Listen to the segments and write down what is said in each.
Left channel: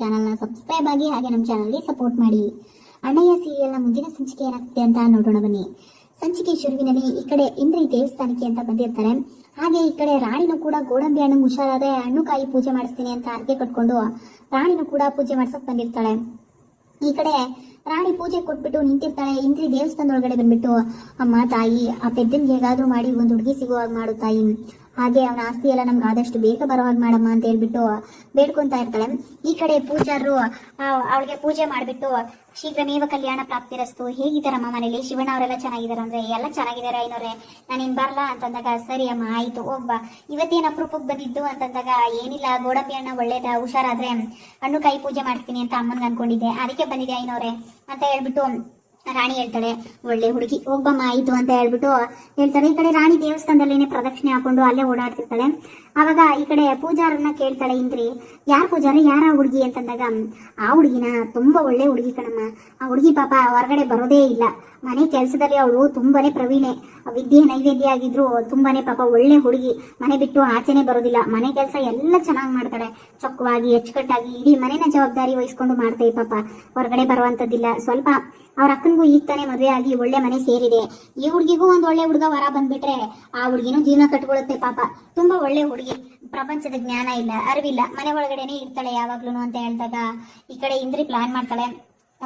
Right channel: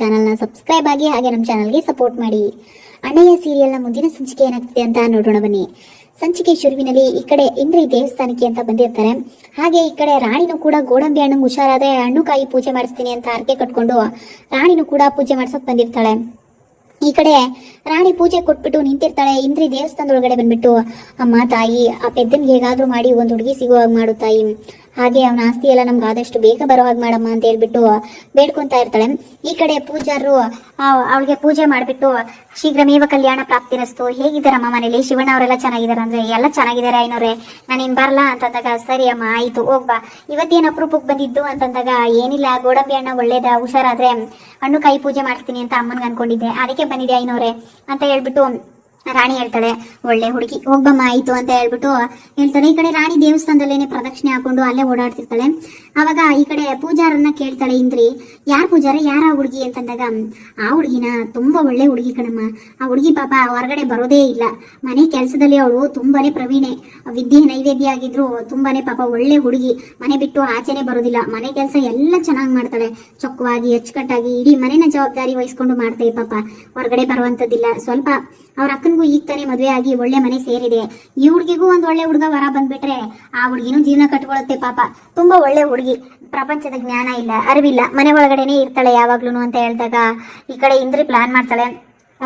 ಚಾನಲ್ನ ಸಬ್ಸ್ಕ್ರೈಬ್ ಆಗಿ ಹಾಗೆ ನಮ್ಮ ಚಾನಲ್ಗೆ ಸಪೋರ್ಟ್ ಮಾಡಿ. ಅಣ್ಣಯ್ಯ ಸೀರಿಯಲ್ನ ಮುಂದಿನ ಸಂಚಿಕೆ ಏನಾಗ್ತಿದೆ ಅಂತ ನೋಡೋಣ ಬನ್ನಿ. ಸಂಚಿಕೆ ಶುರುವಿನಲ್ಲಿ ಈ ಕಡೆ ಇಂದ್ರಿ ದೇವಸ್ಥಾನಕ್ಕೆ ಅಂತ ಬಂದಿರ್ತಾರೆ. ಹಾಗೆ ಈ ಕಡೆ ರಾಣಿನೂ ಕೂಡ ಗೋಡಂಬಿ ಹಣ್ಣು ಹುಷಾರಾದ್ರೆ ಹಣ್ಣು ಕಾಯಿ ಪೂಜೆ ಮಾಡಿಸ್ತೀನಿ ಅಂತ ಹರಕೆ ಕಟ್ಕೊಂಡು ರಾಣಿನೂ ಕೂಡ ಪೂಜೆ ಮಾಡ್ಸಕ್ ಬಂದಿರ್ತಾಳೆ. ಈ ಕಡೆ ರಾಣಿ ಪೂಜೆ ಕೊಟ್ಬಿಟ್ಟು ನಿಂತಿರ್ತಾಳೆ. ಇಂದ್ರಿ ದೇವಸ್ಥಾನದೊಳಗಡೆ ಬಂದ್ಬಿಟ್ಟು, ಅಮ್ಮ ತಾಯಿ, ಆ ಪೆದ್ದನ್ಗೆ ಹೇಗಾದ್ರೂ ಮಾಡಿ ಒಂದು ಹುಡುಗಿ ಸಿಗೋ ಹಾಗೆ ಮಾಡು ತಾಯಿ, ಹಾಗೆ ಅವನ ಆಸ್ತಿ ಎಲ್ಲ ನಮ್ಗೆ ಆದಷ್ಟು ಬೇಗ ಬರೋ ಹಾಗೆ ಮಾಡಮ್ಮ ಅಂತ ಹೇಳ್ಬಿಟ್ಟು ಬೇಡ್ಕೊಂತಾ ಇರ್ತಾಳೆ. ಈ ಕಡೆ ಪೂಜಾರರು ಅವಳಿಗೆ ಪೂಜೆ ಮಾಡ್ಬಿಟ್ಟು ಶೀಘ್ರಮೇವ ಕಲ್ಯಾಣ ಪ್ರಾಪ್ತಿರಸ್ತು, ಹೇಗಿದ್ದಾರಮ್ಮ ಮನೇಲಿ, ಶಿವಣ್ಣ ಅವರೆಲ್ಲ ಚೆನ್ನಾಗಿದಾರ ಅಂದ್ರೆ ಎಲ್ಲ ಚೆನ್ನಾಗಿದ್ದಾರೆ ಐನೋರೆ, ನಾನು ಇನ್ ಬರಲ್ಲ ಅಂತಂದಾಗ ಸರಿ ಅಮ್ಮ ಆಯ್ತು ಹೋಗ್ಬಾ, ಇವತ್ತೇನು ಅಪರೂಪಕ್ಕೆ ಬಂದಿದ್ದು ಅಂತಂದಾಗ ಏನಿಲ್ಲ ಗೋಡಂಬಿ ಹಣ್ಣ ಒಳ್ಳೇದ, ಹುಷಾರಾದ್ರೆ ಹಣ್ಣು ಕಾಯಿ ಪೂಜೆ ಮಾಡ್ತೀನಿ ಅಂತ ಅಮ್ಮನ್ಗೆ ಅನ್ಕೊಂಡಿದ್ದೆ, ಅದಕ್ಕೆ ಬಂದಿದೆ ಐನೋರೆ ಅಂತ ಹೇಳ್ಬಿಟ್ಟು ರಾಣಿ ಹೇಳ್ತಾಳೆ, ಒಳ್ಳೆ ಹುಡುಗಿ ಹೋಗ್ಬಮ್ಮ ಆಯ್ತು ಅಂತ ಹೇಳ್ಬಿಟ್ಟು ಹೇಳ್ತಾನೆ. ಈ ಕಡೆ ರಾಣಿ ದೇವಸ್ಥಾನದಲ್ಲೇನೆ ಪ್ರದಕ್ಷಿಣೆ ಹಾಕೊಂಡು ಅಲ್ಲೇ ಓಡಾಡ್ತಿರ್ತಾಳೆ. ಅವಾಗ ಈ ಕಡೆ ಪೂಜಾರನ್ನ ಕೇಳ್ತಾಳೆ ಇಂದ್ರಿ, ಯಾರ ಪೂಜಾರ, ಯಾರ ಹುಡುಗಿ ಅಂತಂದಾಗ, ಆ ಹುಡುಗಿನ ತುಂಬಾ ಒಳ್ಳೆ ಹುಡುಗಿ ಕಣಮ್ಮ, ಆ ಹುಡುಗಿ ಪಾಪ ಹೊರಗಡೆ ಬರೋದೇ ಇಲ್ಲ, ಮನೆ ಕೆಲಸದಲ್ಲಿ ಅವಳು ತುಂಬಾನೇ ಪ್ರವೀಣೆ, ವಿದ್ಯೆ ನೈವೇದ್ಯ ಆಗಿದ್ರು ತುಂಬಾನೇ ಪಾಪ ಒಳ್ಳೆ ಹುಡುಗಿ, ಮನೆ ಬಿಟ್ಟು ಆಚೆನೆ ಬರೋದಿಲ್ಲ, ಮನೆ ಕೆಲಸ ಎಲ್ಲ ಚೆನ್ನಾಗಿ ಮಾಡ್ತಾಳೆ, ಚೊಕ್ಕವಾಗಿ ಅಚ್ಚುಕಟ್ಟಾಗಿ ಇಡೀ ಮನೆನ ಜವಾಬ್ದಾರಿ ವಹಿಸ್ಕೊಂಡು ಮಾಡ್ತಾಳೆ, ಪಾಪ ಹೊರಗಡೆ ಬರುವಂತದ್ದಿಲ್ಲ. ಸ್ವಲ್ಪ ಅವ್ರ ಅಕ್ಕನಿಗೂ ಈಗ ತಾನೇ ಮದುವೆ ಆಗಿ ಒಳ್ಳೆ ಮನೆ ಸೇರಿದೆ, ಈ ಹುಡುಗಿಗೂ ಒಂದ್ ಒಳ್ಳೆ ಹುಡುಗ ವರ ಬಂದ್ಬಿಟ್ರೆ ಆ ಹುಡುಗಿನೂ ಜೀವನ ಕಟ್ಕೊಳ್ಳುತ್ತೆ, ಪಾಪ ತುಂಬಾ ಒಳ್ಳೆ ಹುಡುಗಿ, ಪ್ರಪಂಚದ ಜ್ಞಾನ ಇಲ್ಲ, ಅರಿವಿಲ್ಲ, ಮನೆ ಒಳಗಡೆನೆ ಇರ್ತಾಳೆ ಯಾವಾಗ್ಲೂ ಅಂತ ಹೇಳಿದಾಗ ಈ ಕಡೆ ಇಂದ್ರಿ ಪ್ಲಾನ್ ಮಾಡ್ತಾಳೆ,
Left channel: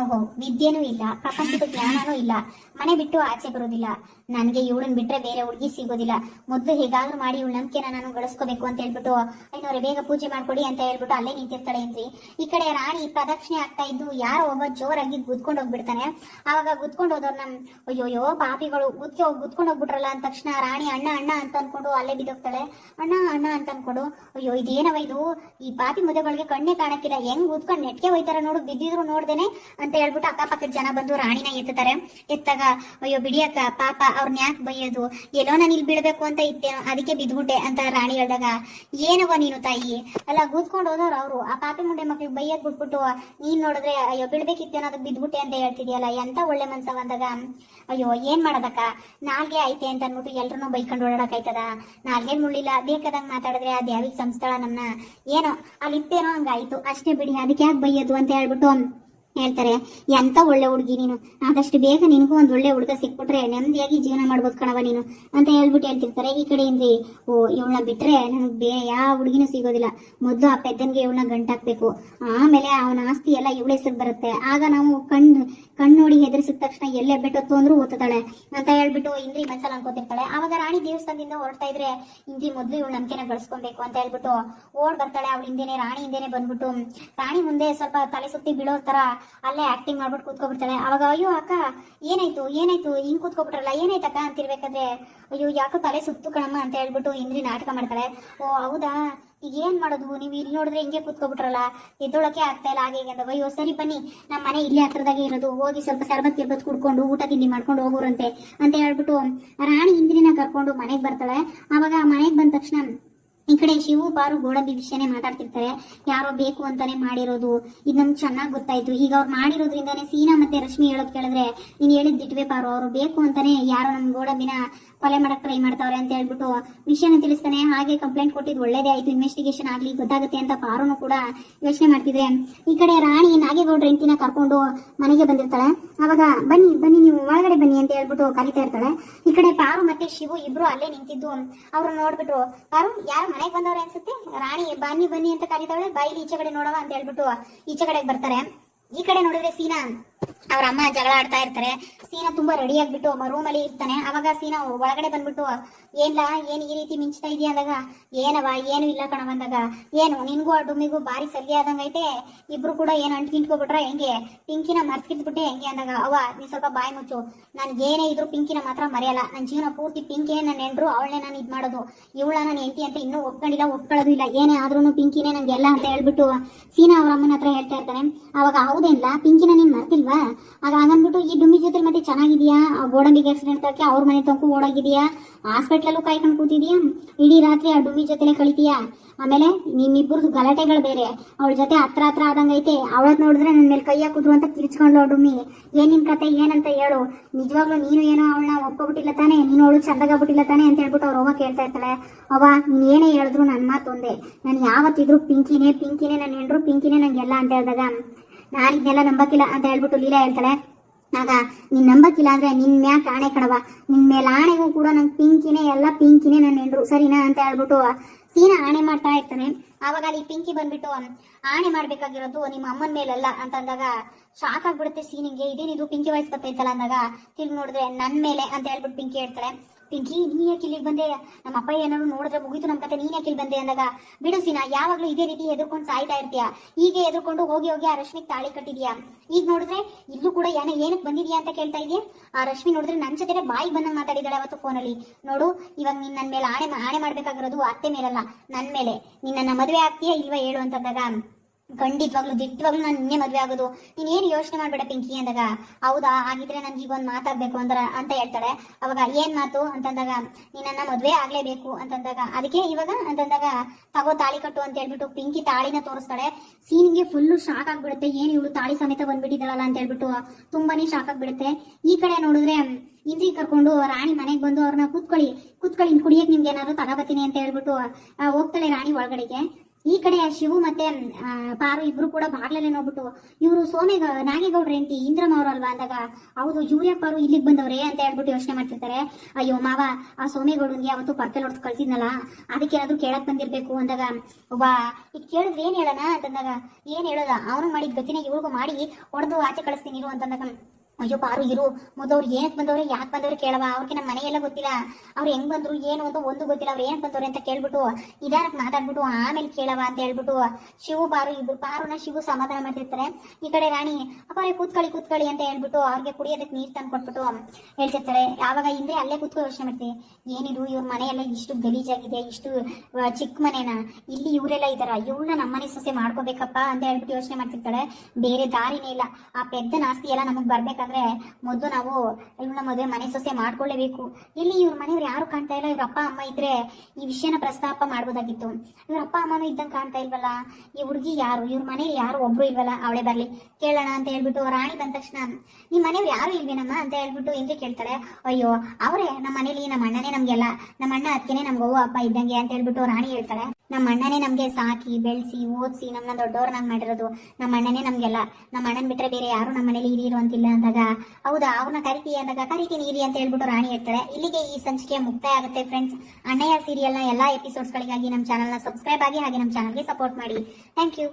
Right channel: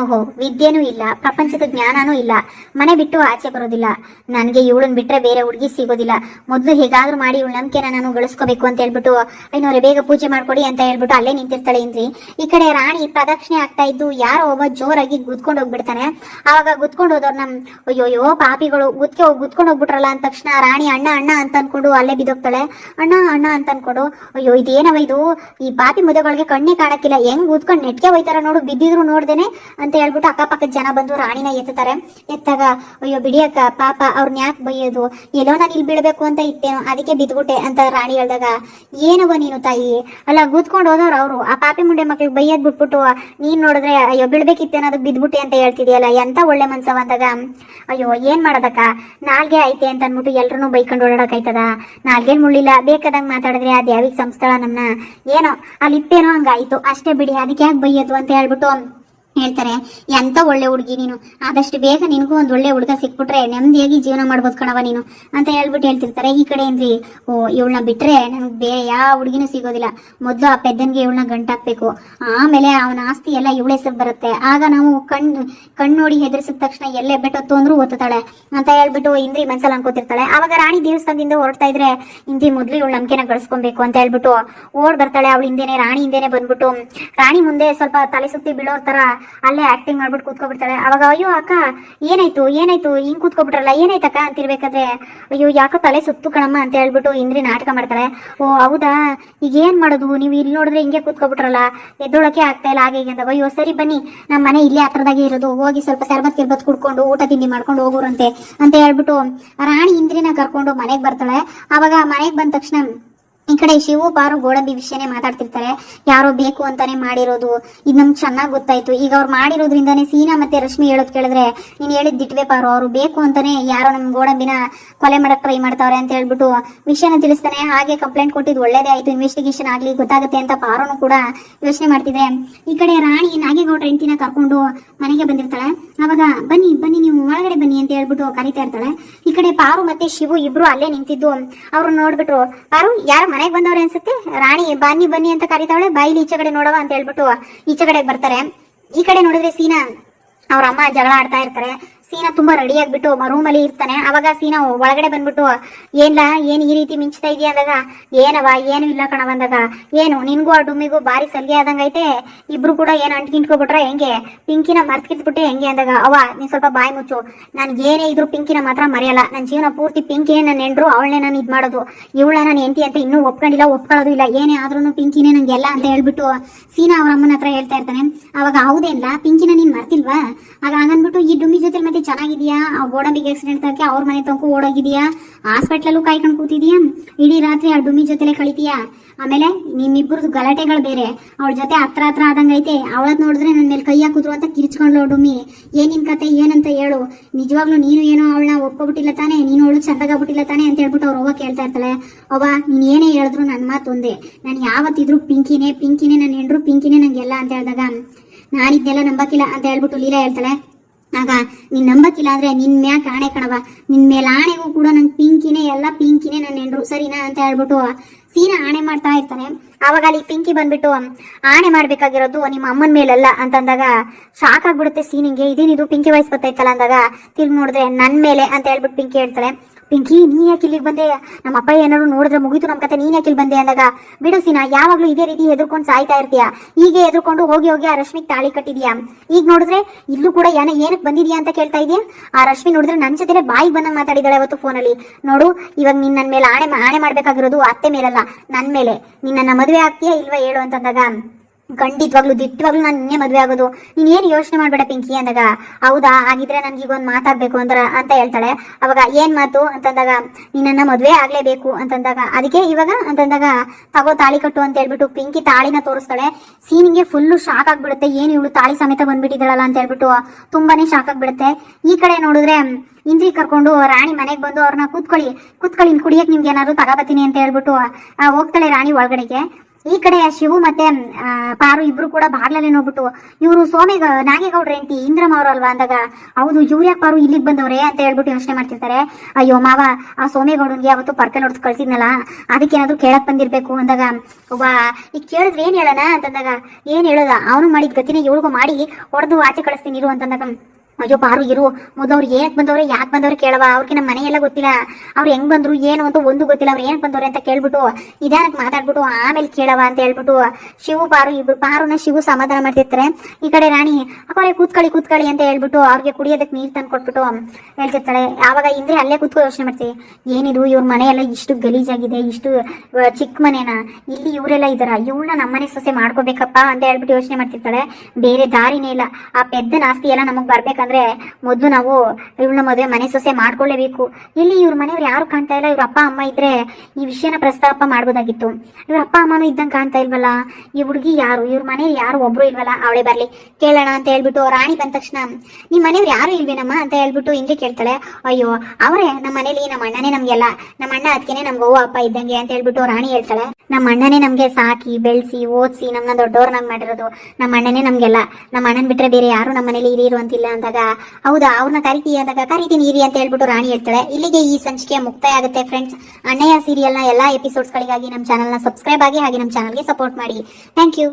ಓಹೋ ವಿದ್ಯೆನೂ ಇಲ್ಲ, ಪ್ರಪಂಚದ ಜ್ಞಾನನೂ ಇಲ್ಲ, ಮನೆ ಬಿಟ್ಟು ಆಚೆ ಬರೋದಿಲ್ಲ, ನನಗೆ ಇವಳನ್ನ ಬಿಟ್ರೆ ಬೇರೆ ಹುಡುಗಿ ಸಿಗೋದಿಲ್ಲ, ಮೊದಲು ಹೇಗಾದ್ರೂ ಮಾಡಿ ಇವಳ ನಂಬಿಕೆನ ನಾನು ಗಳಿಸ್ಕೋಬೇಕು ಅಂತ ಹೇಳ್ಬಿಟ್ಟು ಐನೋರೆ ಬೇಗ ಪೂಜೆ ಮಾಡ್ಕೊಡಿ ಅಂತ ಹೇಳ್ಬಿಟ್ಟು ಅಲ್ಲೇ ನಿಂತಿರ್ತಾಳೆ ಇಂದ್ರಿ. ಈ ಕಡೆ ರಾಣಿ ಪ್ರದಕ್ಷಿಣೆ ಆಗ್ತಾ ಇದ್ದು ಯಾರೋ ಒಬ್ಬ ಜೋರಾಗಿ ಗುದ್ಕೊಂಡು ಹೋಗ್ಬಿಡ್ತಾನೆ. ಆವಾಗ ಗುದ್ಕೊಂಡು ಹೋದವ್ರನ್ನ ಅಯ್ಯೋಯ್ಯೋ ಪಾಪಿಗಳು ಗುದ್ಕೊಂಡು ಹೋಗ್ಬಿಟ್ರಲ್ಲ ಅಂದ ತಕ್ಷಣ ರಾಣಿ ಅಣ್ಣ ಅಣ್ಣ ಅಂತ ಅನ್ಕೊಂಡು ಅಲ್ಲೇ ಬಿದ್ದೋಗ್ತಾಳೆ. ಅಣ್ಣ ಅಣ್ಣ ಅಂತ ಅನ್ಕೊಂಡು, ಅಯ್ಯೋ ಇದೇನವ ಇದು, ಈ ಪಾಪಿ ಮುದಗಳಿಗೆ ಕಣ್ಣೇ ಕಾಣಕ್ಕಿಲ್ಲ, ಹೆಂಗ್ ಗುದ್ಕೊಂಡು ನೆಟ್ಗೆ ಹೋಯ್ತಾರ ನೋಡು, ಬಿದ್ದಿದ್ರು ನೋಡ್ದೇನೆ ಅಂತ ಹೇಳ್ಬಿಟ್ಟು ಅಕ್ಕಪಕ್ಕದ ಜನ ಬಂದು ರಾಣಿನ ಎತ್ತಾರೆ. ಎತ್ತಾಗ ಅಯ್ಯೋ ಬಿಡಿಯಕ್ಕ ಪಾಪ ಅವ್ರನ್ನ ಯಾಕೆ ಬೈಯೋದು, ಎಲ್ಲೋ ನಾನು ಇಲ್ಲಿ ಬೀಳ್ಬೇಕು ಅಂತ ಇತ್ತೇನೋ ಅದಕ್ಕೆ ಬಿದ್ಬಿಟ್ಟೆ ಅಂತ ರಾಣಿ ಹೇಳ್ದಾಗ, ಏನವ ನೀನು ತಾಯಿ, ಅಲ್ಲ ಕೂತ್ಕೊಂಡು ಹೋದವ್ರು ಅವರು, ಆ ಪಾಪಿ ಮುಂಡೆ ಮಕ್ಳಿಗೆ ಬೈಯದ್ ಬಿಟ್ಬಿಟ್ಟು ನೀನ್ ನೋಡಿದ್ರೆ ಅಯ್ಯೋ ಬೀಳ್ಬೇಕಿತ್ತೇನೋ ಅದಕ್ಕೆ ಬಿದ್ಬಿಟ್ಟೆ ಅಂತ ಹೇಳ್ತಿದ್ಯಲ್ಲ, ಎಂತ ಒಳ್ಳೆ ಮನ್ಸವ ಅಂದಾಗ, ಅಯ್ಯೋ ಏನ್ ಮಾಡೋದಕ್ಕ, ನಾಲ್ಗೆ ಐತೆ ಅಂತ ಅನ್ಬಿಟ್ಟು ಎಲ್ರು ಬೈಕೊಂಡು ಓಡಾಡಕಾಯ್ತದ, ನಾಲ್ಗೇನ್ ಮುಳ್ಳಿಲ್ಲ, ಬೇಕಾದಂಗ್ ಮಾತಾಡಿದ್ರೆ ಆ ದ್ಯಾವಿಗೆ ಸಂಸ್ಥಳ ನಮ್ನ ಏನೋ ಅಲ್ಲಿ ಇತ್ತೇನೋ ಹಂಗಾಯ್ತು ಅಷ್ಟೇ ಬಿಡಿ, ಅದಕ್ಕೆ ಯಾಕೆ ಬೈಯೋದು ಅಂತ ಹೇಳ್ಬಿಟ್ಟು ಹೇಳ್ತಾರೆ. ಎಂತ ಒಳ್ಳೆ ಹುಡುಗಿ ನೀನು, ಆದಷ್ಟು ಬೇಗ ನಿನಗೂ ಒಂದ್ ಒಳ್ಳೆ ಹುಡುಗ ಸಿಕ್ಬಿಟ್ರೆ ನೆಮ್ಮದಿಯಾಗಿ ಜೀವನ ಮಾಡ್ಬೋದು ಕಣವ ನೀನು ಅಂತ ಹೇಳ್ಬಿಟ್ಟು ಹೇಳ್ತಿರ್ತಾರೆ. ಈ ಕಡೆ ಏನ್ರಿ, ಓ ಇವಳನ್ನ ಬಿಟ್ರೆ ನನಗೆ ಬೇರೆ ಯಾವ ಹುಡುಗಿನೂ ಸಿಗೋದಿಲ್ಲ, ಮೊದ್ಲು ಆ ಪೆದ್ದನ್ಗೆ ಇವಳನ್ನ ಗಂಟಾಕ್ಬೇಕು, ಆಮೇಲೆ ಅವನ ಆಸ್ತಿ ಎಲ್ಲ ಇವಳ ಹೆಸರು ಬರುತ್ತೆ, ಆಗ ನಾವು ಕಣ್ಣು ನೋಡಿ ಹೆದರ್ಸಿದ ತಕ್ಷಣ ಎಲ್ಲೇ ಬೆಟ್ಟತ್ತು ಅಂದ್ರೂ ಓದ್ತಾಳೆ ಅಂತ ಹೇಳ್ಬಿಟ್ಟು ಇಂದ್ರಿ ಮನ್ಸಲ್ಲಿ ಅನ್ಕೋತಿರ್ತಾಳೆ. ಆವಾಗ ರಾಣಿ ದೇವಸ್ಥಾನದಿಂದ ಹೊರಡ್ತಾ ಇದ್ರೆ ಇಂದ್ರಿ ಮೊದ್ಲು ಇವಳ ನಂಬಿಕೆನ ಗಳಿಸ್ಕೊಬೇಕು ಅಂತ ಹೇಳ್ಬಿಟ್ಟು ಓಡ್ ಬರ್ತಾಳೆ. ಅವಳ ಹಿಂದೆನೆ ರಾಣಿ ಹಿಂದೆನೆ ಬಂದ್ಬಿಟ್ಟು ರಾಣಿ ಮುಂದೆ ಸ್ವಲ್ಪ ತಲೆ ಸುತ್ತಿ ಬೀಳೋ ತರ ಅಲ್ಲೇ ಆಕ್ಟಿಂಗ್ ಮಾಡ್ಬಿಟ್ಟು ಕೂತ್ಕೊಬಿಡ್ತಾಳೆ. ಅವಾಗ ಅಯ್ಯೋ ಅಕ್ಕ ಏನಾಯ್ತು ಏನಾಯ್ತು ಹಿಂಗ್ ಕೂತ್ಕೊಬಿಟ್ರಲ್ಲ, ಏನಾಯ್ತಕ್ಕ ಅಂತಿರ್ಬೇಕಾದ್ರೆ, ಅಯ್ಯೋ ಯಾಕೋ ತಲೆ ಸುತ್ತು ಕಣಮ್ಮ ಅಂತ ಹೇಳ್ಬಿಟ್ಟು ಇಂದ್ರಿ ನಾಟಕ ಮಾಡ್ತಾಳೆ. ಓ ಹೌದಾ, ಈಗ ಏನ್ ಮಾಡೋದು, ನೀವು ಇಲ್ಲಿ ನೋಡಿದ್ರೆ ಹಿಂಗೆ ಕೂತ್ಕೊಬಿಟ್ರಲ್ಲ, ಎದ್ದೊಳಕ್ಕೆ ಆಗ್ತಾ ಇಲ್ಲ ಹಾಗೆ ಅಂದಾಗ, ಅಯ್ಯೋ ಸರಿ ಬನ್ನಿ ನಮ್ಮ ಮನೆ ಇಲ್ಲೇ ಹತ್ರದಾಗೆ ಇರೋದು, ಹೋಗಿ ಸ್ವಲ್ಪ ಶರ್ಬತ್ ಕಿರ್ಬತ್ ಕುಡ್ಕೊಂಡು ಊಟ ತಿಂಡಿ ಮಾಡ್ಕೊಂಡು ಹೋಗೋರಂತೆ ಅಂತ ಹೇಳ್ಬಿಟ್ಟು ರಾಣಿ ಇಂದ್ರಿನ ಕರ್ಕೊಂಡು ಮನೆಗೆ ಬರ್ತಾಳೆ. ಅವಾಗ ಮನೆಗೆ ಬಂದ ತಕ್ಷಣ ಈ ಕಡೆ ಶಿವು ಪಾರು ಗೋಡಂಬಿ ವಿಷಯನೇ ಮಾತಾಡ್ತಿರ್ತಾರೆ. ಯಾರೋ ಬೇಕು ಅಂತಾನೆ ಮಾಡಿರೋದು, ಇದು ನಮ್ಗೆ ಚೆನ್ನಾಗಿ ಗೊತ್ತಾಯ್ತು, ಈಗ ಅವ್ರು ಮಾಡಿರೋದ್ರಿಂದಾನೇ ಸೀನಾ ಮತ್ತೆ ರಶ್ಮಿ ಹೇಳೋದ್ ಕೇಳಿದ್ರೆ ನೀನ್ ಹೇಳಿದ್ ದಿಟ್ವೆ ಪಾರು, ಅವ್ರು ಬೇಕು ಅಂತಾನೆ ಯಾರೋ ನಮ್ ಗೋಡಂಬಿನ ಕೊಲೆ ಮಾಡಕ್ ಟ್ರೈ ಮಾಡ್ತಾವ್ರೆ ಅಂತ ಹೇಳ್ಬಿಟ್ಟು ವಿಷಯನ ತಿಳಿಸ್ತಾನೆ. ಹಾಗೆ ಕಂಪ್ಲೇಂಟ್ ಕೊಟ್ಟಿದ್ ಒಳ್ಳೇದೇ ಆಯ್ತು, ಇನ್ವೆಸ್ಟಿಗೇಷನ್ ಆಗ್ಲಿ ಗೊತ್ತಾಗುತ್ತೆ ಅಂತ ಪಾರುನು ಕೂಡ ಯೋಚನೆ ಮಾಡ್ತಿದ್ರೆ ಈ ಕಡೆ ರಾಣಿ ನಾಗೇಗೌಡ್ರ ಹೆಂಡತಿನ ಕರ್ಕೊಂಡು ಮನೆಗೆ ಬಂದಿರ್ತಾಳೆ. ಅವಾಗ ಬನ್ನಿ ಬನ್ನಿ ನೀವು ಒಳಗಡೆ ಬನ್ನಿ ಅಂತ ಹೇಳ್ಬಿಟ್ಟು ಕರಿತಾ ಇರ್ತಾಳೆ. ಈ ಕಡೆ ಪಾರು ಮತ್ತೆ ಶಿವು ಇಬ್ರು ಅಲ್ಲೇ ನಿಂತಿದ್ದು ಅವ್ರನ್ನ ನೋಡ್ಬಿಟ್ಟು, ಪಾರು ಯಾರು ಮನೆಗೆ ಬಂದವ್ರೆ ಅನ್ಸುತ್ತೆ, ರಾಣಿ ಬನ್ನಿ ಬನ್ನಿ ಅಂತ ಕರಿತಾವಳೆ, ಬಾಯಿಲಿ ಈಚೆ ಕಡೆ ನೋಡವ ಅಂತ ಹೇಳ್ಬಿಟ್ಟು ಈಚೆ ಕಡೆ ಬರ್ತಾರೆ. ಈ ಕಡೆ ನೋಡಿದ್ರೆ ಸೀನಾ ಅವ್ರ ಅಮ್ಮ ಜಗಳ ಆಡ್ತಾ ಇರ್ತಾರೆ. ಸೀನಾ ತುಂಬಾ ರೆಡಿ ಆಗ್ಬಿಟ್ಟು ರೂಮ್ ಅಲ್ಲಿ ಇರ್ತಾನೆ. ಅವಾಗ ಸೀನಾ ಒಳಗಡೆ ಬಂದ್ಬಿಟ್ಟು ಏನ್ ಈ ರೀತಿ ಮಿಂಚ್ತಾ ಇದೆಯಾ ಅಂದಾಗ, ಏನವ ಏನು ಇಲ್ಲ ಕಣವ ಅಂದಾಗ, ಏನು ನಿನ್ಗೂ ಆ ಡುಮ್ಮಿಗೂ ಬಾರಿ ಸಲ್ಗೆ ಆದಂಗೈತೆ, ಇಬ್ರು ಕೂಡ ಏನ್ ಅಂಟ್ಕಿಂಟ್ಕೊಬಿಟ್ರ ಹೆಂಗೆ, ಪಿಂಕಿನ ಮರ್ತ್ಕಿಟ್ಬಿಟ್ಟೆ ಹೆಂಗೆ ಅಂದಾಗ, ಅವ್ವ ನೀನ್ ಸ್ವಲ್ಪ ಬಾಯಿ ಮುಚ್ಚು, ನನ್ಗೆ ಏನೇ ಇದ್ರು ಪಿಂಕಿನ ಮಾತ್ರ ಮರೆಯಲ್ಲ, ನನ್ನ ಜೀವನ ಪೂರ್ತಿ ಪಿಂಕಿನೇ ನನ್ನ ಹೆಂಡ್ರು, ಅವಳನ್ನೇ ನಾನು ಇದ್ ಮಾಡೋದು, ಇವಳ ನಾನು ಹೆಂಡತಿ ಅಂತ ಇನ್ನೂ ಒಪ್ಕೊಂಡಿಲ್ಲ, ಒಪ್ಕೊಳ್ಳೋದು ಇಲ್ಲ, ಏನೇ ಆದ್ರೂ ಪಿಂಕಿನೇ ನಂಗೆಲ್ಲ ಅಂತ ಹೇಳ್ಬಿಟ್ಟು ಸೀನಾ ಅವ್ರ ಅಮ್ಮನ ಹತ್ರ ಹೇಳ್ತಾ ಇರ್ತಾನೆ. ಅವಾಗ ಹೌದೇನಿಲ್ಲ ಪಿಂಕಿನ ನೀನ್ ಮರ್ತಿಲ್ವಾ, ಆಗ ಹಂಗನ್ಬಿಟ್ಟು ಈ ಡುಮ್ಮಿ ಜೊತೆ ಮತ್ತೆ ಚೆನ್ನಾಗಿದ್ಯಾ? ಗೋಡಂಬಿಗೆ ಆಕ್ಸಿಡೆಂಟ್ ತಕ್ಕೆ ಅವ್ರ ಮನೆ ತನಕ ಓಡೋಗಿದ್ಯಾ? ಹಾಸ್ಪಿಟ್ಲಲ್ಲೂ ಕಾಯ್ಕೊಂಡು ಕೂತಿದ್ಯಾ? ಇಡೀ ರಾತ್ರಿ ಆ ಡುಮ್ಮಿ ಜೊತೆಲೆ ಕಳಿತೀಯಾ? ಆಮೇಲೆ ನಿಮ್ಮಿಬ್ಬರದು ಗಲಾಟೆಗಳು ಬೇರೆ. ಅವಳ ಜೊತೆ ಹತ್ರ ಆದಂಗೈತೆ. ಅವಳದ್ ನೋಡಿದ್ರೆ ನನ್ನ ಮೇಲೆ ಕೈ ಹಾಕಿದ್ರು ಅಂತ ಕಿರ್ಚ್ಕೊಂಡ್ಲು ಡುಮ್ಮಿ. ಏನ್ ನಿನ್ ಕತೆ ಏನಂತ ಹೇಳು. ನಿಜವಾಗ್ಲೂ ನೀನು ಏನೋ ಅವಳನ್ನ ಒಪ್ಕೊಬಿಟ್ಟಿಲ್ಲ ತಾನೆ, ನೀನು ಅವಳು ಚಂದಾಗ್ಬಿಟ್ಟಿಲ್ಲ ತಾನೆ ಅಂತ ಹೇಳ್ಬಿಟ್ಟು ಅವ್ರ ಅವ್ವ ಕೇಳ್ತಾ ಇರ್ತಾಳೆ. ಅವ್ವ ನೀನ್ ಏನೇ ಹೇಳಿದ್ರು ನನ್ನ ಮಾತು ಒಂದೇ, ನಾನು ಯಾವತ್ತಿದ್ರು ಪಿಂಕಿನೇ ನನ್ನ ಹೆಂಡ್ರು ಪಿಂಕಿನೇ ನಂಗೆಲ್ಲ ಅಂತ ಹೇಳಿದಾಗ ನಾನಿದ್ದೆಲ್ಲ ನಂಬಕ್ಕಿಲ್ಲ ಅಂತ ಹೇಳ್ಬಿಟ್ಟು ಲೀಲಾ ಹೇಳ್ತಾಳೆ. ಆಗ ನೀನ್ ನಂಬಕ್ಕಿಲ್ಲ ಅಂದ್ರೆ ನಿನ್ ಮ್ಯಾಕ್ ಆಣೆ ಕಣವ, ನಿನ್ ಮೇಲೆ ಆಣೆಗೂ ಕೂಡ ನಂಗೆ ಪಿಂಕಿನೇ ನನ್ನ ಹೆಂಡ್ರು ಸರಿನಾ ಅಂತ ಹೇಳ್ಬಿಟ್ಟು ಸೀನಾ ಆಣೆ ಮಾಡ್ತಾ ಇರ್ತಾನೆ. ಆವಾಗ ಅಲ್ಲಿ ಪಿಂಕಿ ಬಂದ್ಬಿಟ್ಟು ಆಣೆ ಮಾಡ್ಬೇಕಾಗಿರೋದು ನಿಮ್ಮ ಅಮ್ಮನ ಮೇಲಲ್ಲ ಅಂತಂದಾಗ ಶಾಕ್ ಆಗ್ಬಿಡುತ್ತೆ ಸೀನಿಗೆ. ಇದೇನಿದು ಪಿಂಕಿ ವಯಸ್ಸು ಗೊತ್ತಾಯ್ತಲ್ಲ ಅಂದಾಗ ತಿರ್ಗಿ ನೋಡಿದ್ರೆ ನನ್ ಮೇಲೆ ಅಂತ ಹೇಳ್ಬಿಟ್ಟು ಪಿಂಕಿ ಹೇಳ್ತಾಳೆ. ಪಿಂಕಿ ನೀನ್ ಯಾಕೆ ಇಲ್ಲಿಗೆ ಬಂದೆ? ನಮ್ಮ ಅಪ್ಪ ಏನಾದ್ರು ನೋಡಿದ್ರೆ ಮುಗಿತು ನಮ್ ಕತೆ, ನೀನ್ ಯಾಕೆ ಇಲ್ಲಿ ಬಂದೆ ಅಂದಾಗ ಬಿಡು ಸೀನಾ, ಯಾವಾಗ್ಲೂ ಇದೇ ರೀತಿ ಎದುರ್ಕೊಂಡು ಸಾಯ್ತಾ ಇರ್ತೀಯ. ಹೀಗೆ ಎದುರ್ಕೊಂಡು ಹೋಗಿ ಆ ರಶ್ಮಿಗೆ ತಾಳಿ ಕಟ್ಟಿದ್ಯಾ. ಈಗ ನೋಡಿದ್ರೆ ಇಲ್ಲೂ ಕೂಡ ಏನಕ್ಕೆ ಬಂದಿದ್ಯಾ ಅಂತ ಕೇಳ್ತಾ ಇದೀಯಾ. ಆ ರಶ್ಮಿ ನೋಡಿದ್ರೆ ನನ್ ಜೊತೆ ಬಾಯಿಗೆ ಬಂದಂಗ್ ಮಾತಾಡಿದಾಳೆ ಅವತ್ತು ಫೋನಲ್ಲಿ. ನೋಡು ಇವಾಗ ನೀನ್ ನನ್ ಮೇಲೆ ಆಣೆ ಮಾಡ್ಬೇಕಾಗಿರೋದು ಅತ್ತೆ ಮೇಲಲ್ಲ, ನನ್ ಮೇಲೆ. ನೀನ್ ನನ್ನ ಮದುವೆ ಆಗ್ತೀಯಾ ಇಲ್ವಾ ಹೇಳು ಅಂತಂದಾಗ ಖಂಡಿತವಾಗ್ಲು ದಿಟ್ಟವಾಗ್ಲು ನಾನು ನಿನ್ನೆ ಮದ್ವೆ ಆಗೋದು, ನೀನ್ ಏನ್ ಯೋಚನೆ ಮಾಡ್ಬೇಡ ಪಿಂಕಿ ಅಂದಾಗ ಹೌದಾ ಹಾಗಿದ್ರೆ ನನ್ಗೆ ಈಗ ಒಂದ್ ಮಾತಾಡ್ಬೇಕು ಅಂತ ಹೇಳ್ತಾಳೆ. ಅವಾಗ ಏನ್ ಮಾತು ಅಂತಂದಾಗ ನೀನನ್ನ ಮದ್ವೆ ಆಗ್ಲೇಬೇಕು ಅಂತಂದಾಗ ಅದಕ್ಕೆ ಇವಾಗ ಅಂತಂದಾಗ ತಗೋ ತಾಳಿ ಕಟ್ಟು ಅಂತ ಹೇಳ್ಬಿಟ್ಟು ಪಿಂಕಿ ತಾಳಿನ ತೋರಿಸ್ತಾಳೆ. ಸೀನಿಗೆ ಫುಲ್ಲು ಶಾಕ್ ಆಗ್ಬಿಡುತ್ತೆ. ಏನ್ ಇವಳು ತಾಳಿ ಸಮೇತ ಬಂದ್ಬಿಟ್ಟಿದ್ದಾಳಲ್ಲ ಅಂತ ಹೇಳ್ಬಿಟ್ಟು ತುಂಬಾನೇ ಶಾಕ್ ಆಗ್ಬಿಡುತ್ತೆ. ಈ ಕಡೆ ನೋಡಿದ್ರೆ ಇಂದ್ರಿ ಕರ್ಕೊಂಡು ರಾಣಿ ಮನೆಗೆ ಬಂದು ಅವ್ರನ್ನ ಕೂತ್ಕೊಳ್ಳಿ ಕುಡಿಯಕ್ ನಿಮ್ಗೆ ಏನಾದ್ರು ತಗೋಬತ್ತೀನಿ ಅಂತ ಹೇಳ್ಬಿಟ್ಟು ಹೋಗ್ತಾಳೆ ರಾಣಿ ಒಳಗಡೆಗೆ. ಈ ಕಡೆ ಶಿವು ಮತ್ತೆ ಪಾರು ಇಬ್ರು ಕೂಡ ಬಾಗ್ಲಲ್ಲೇ ನೋಡ್ಬಿಟ್ಟು ಇವರು ನಾಗೇಗೌಡ್ರ ಹೆಂಡತಿ ಇಂದ್ರಮ್ಮ ಅವರಲ್ವಾ ಅಂದಾಗ ಹೌದು ಇವ್ರು ಯಾಕೆ ಪಾರು ಇಲ್ಲಿಗೆ ಬಂದವ್ರೆ ಅಂತ ಹೇಳ್ಬಿಟ್ಟು ಯೋಚನೆ ಮಾಡ್ತಿರ್ತಾರೆ. ಅಯ್ಯೋ ಮಾವ ಆ ಸೋಮೇಗೌಡನ್ಗೆ ಅವತ್ತು ಪರ್ಕೆ ನೋಡ್ದು ಕಳ್ಸಿದ್ನಲ್ಲ ಅದಕ್ಕೇನಾದ್ರು ಕೇಳಕ್ ಬಂದಿರ್ಬೇಕು ಅಂದಾಗ ಈಗ ಕೇಳಿದ್ರೆ ಏನ್ ಹೇಳೋಣ ಅಂತಂದಾಗ ಏನ್ ಹೇಳೋದ ಅವನು ಮಾಡಿದ ಗತಿನೇ ಇವ್ರಿಗೂ ಮಾಡಿ ಹೊಡೆದು ಆಚೆ ಕಳಿಸ್ತೀನಿ ಇರು ಅಂತಂದಾಗ ಅಯ್ಯೋ ಪಾರು ಇರು ಮೊದಲು ಅವ್ರು ಏನಕ್ಕೆ ಬಂದವ್ರೆ ಯಾಕೆ ಬಂದವ್ರೆ ಕೇಳವ, ಅವ್ರಿಗೆ ನಮ್ಮ ಮನೆಯೆಲ್ಲ ಗೊತ್ತಿಲ್ಲ, ಅವ್ರು ಹೆಂಗ್ ಬಂದ್ರು ಏನು ಅಂತ ಒಂದು ಗೊತ್ತಿಲ್ಲ, ಅವ್ರು ಏನಕ್ಕೆ ಬಂದವ್ರೆ ಅಂತ ಕೇಳ್ಬಿಟ್ಟು ನಿಧಾನಕ್ಕೆ ಮಾತಾಡ್ಬಿಟ್ಟು ಆಮೇಲೆ ಕೇಳವ ಅಂತ ಹೇಳ್ಬಿಟ್ಟು ಶಿವು ಪಾರು ಇಬ್ರು ಪಾರುನ ಶಿವು ಸಮಾಧಾನ ಮಾಡ್ತಿರ್ತಾರೆ. ಈ ಕಡೆ ರಾಣಿ ಅಕ್ಕವ್ರೆ ಕೂತ್ಕೊಳ್ಳಿ ಅಂತ ಹೇಳ್ಬಿಟ್ಟು ಅವ್ರಿಗೆ ಕುಡಿಯೋದಕ್ಕೆ ನೀರು ತಂದು ಕೊಟ್ಬಿಟ್ಟು ಹೇಳ್ತಿರ್ತಾಳೆ. ಆವಾಗ ಇಂದ್ರೆ ಅಲ್ಲೇ ಕೂತ್ಕೊ ಯೋಚನೆ ಮಾಡ್ತೀವಿ, ಏನಿದು ಇವ್ರ ಮನೆಯೆಲ್ಲ ಇಷ್ಟು ಗಲೀಜಾಗಿದೆ, ಇಷ್ಟು ಚಿಕ್ಕ ಮನೆನ, ಇಲ್ಲಿ ಇವರೆಲ್ಲ ಇದಾರ, ಇವಳನ್ನ ನಮ್ಮನೆ ಸೊಸೆ ಮಾಡ್ಕೋಬೇಕಪ್ಪ ಅಂತ ಹೇಳ್ಬಿಟ್ಟು ಯೋಚನೆ ಮಾಡ್ತಿರ್ತಾಳೆ. ಬೇರೆ ದಾರಿನೇ ಇಲ್ಲ, ಆ ಪೆದ್ದ ನಾಸ್ತಿ ಎಲ್ಲ ನಮಗ್ ಬರ್ಬೇಕಂದ್ರೆ ಮೊದ್ಲು ನಾವು ಇವಳನ್ನ ಮದುವೆ ಮನೆ ಸೊಸೆ ಮಾಡ್ಕೊಳ್ಳೇಬೇಕು. ಇಲ್ಲಿ ಇವ್ರ ಮನೆಯವ್ರು ಯಾರು ಕಾಣ್ತಾ ಇಲ್ಲ, ಇವ್ರ ಅಪ್ಪ ಅಮ್ಮ ಇದ್ರೆ ಈ ವಿಷಯನ ಪ್ರಸ್ತಾಪ ಮಾಡ್ಬೋದಾಗಿತ್ತು. ಇವ್ರ ಅಪ್ಪ ಅಮ್ಮನೂ ಇದ್ದಂಗೆ ಕಾಣ್ತಾ ಇಲ್ವಲ್ಲ, ಈ ಹುಡುಗಿ ಯಾರು, ಇವ್ರ ಮನೆಯವ್ರು ಯಾರು ಒಬ್ರು ಇಲ್ವಲ್ಲ, ಅವಳೇ ಬರ್ಲಿ ಕೇಳೋಣ ಅಂತ ಹೇಳ್ಬಿಟ್ಟು ರಾಣಿ ಬಂದ ತಕ್ಷಣ ನಿಮ್ ಮನೆಯವ್ರು ಯಾರು ಇಲ್ವೇನಮ್ಮ ಅಂತ ಹೇಳ್ಬಿಟ್ಟು ಹಿಂಗೆ ಕೇಳ್ತಾಳೆ. ಅಯ್ಯೋ ಅವರೇ ನಮ್ಮ ಮನೇಲಿ ನಮ್ಮ ಅಣ್ಣನೇ ನಮ್ಗೆಲ್ಲ, ನಮ್ಮ ಅಣ್ಣ ಅದಕ್ಕೇನೆ ನಮ್ಗೆ ಅವ್ವ ಅಪ್ಪ ಇದ್ದಂಗೆ ಅಂತ ಹೇಳ್ಬಿಟ್ಟು ರಾಣಿ ಹೇಳ್ತಾಳೆ. ನಮ್ಮ ಅಣ್ಣನೇ ನಮ್ಗೆ ಸಾಕಿ ಬೆಳೆಸಿ ಓದಿಸಿ ನಮ್ಮನ್ನ ದೊಡ್ಡವ್ರನ್ನಾಗಿ ಮಾಡಿರೋದು, ನಮ್ಮ ಅಣ್ಣನೇ ನಮ್ಗೆಲ್ಲ, ನಮ್ಮ ಅಣ್ಣನ್ ಬಿಟ್ರೆ ಬೇರೆ ಯಾರು ನಮ್ಮ ಮನೇಲಿ ಇರುವಂತಿಲ್ಲ ಅಂದಾಗ ಹೌದಾ ಅವ್ರನ್ನ ಕರಿತೀಯ ಅಂದಾಗ ಕರಿತೀನಿ ಇರಿ ಅಂತ ಹೇಳ್ಬಿಟ್ಟು ರಾಣಿ ಹೇಳ್ತಾಳೆ. ಇಲ್ಲಿಗೆ ಈ ಸಂಚಿಕೆ ಮುಕ್ತಾಯ ಆಗುತ್ತೆ ಫ್ರೆಂಡ್ಸ್. ಅಣ್ಣಯ್ಯ ಸೀರಿಯಲ್ನ ಎಲ್ಲಾ ಎಪಿಸೋಡ್ಸ್ಗಳಿಗಾಗಿ ನಮ್ಮ ಚಾನಲ್ನ ಸಬ್ಸ್ಕ್ರೈಬ್ ಆಗಿ ಹಾಗೆ ನಮ್ಮ ಚಾನಲ್ಗೆ ಸಪೋರ್ಟ್ ಮಾಡಿ. Thank you.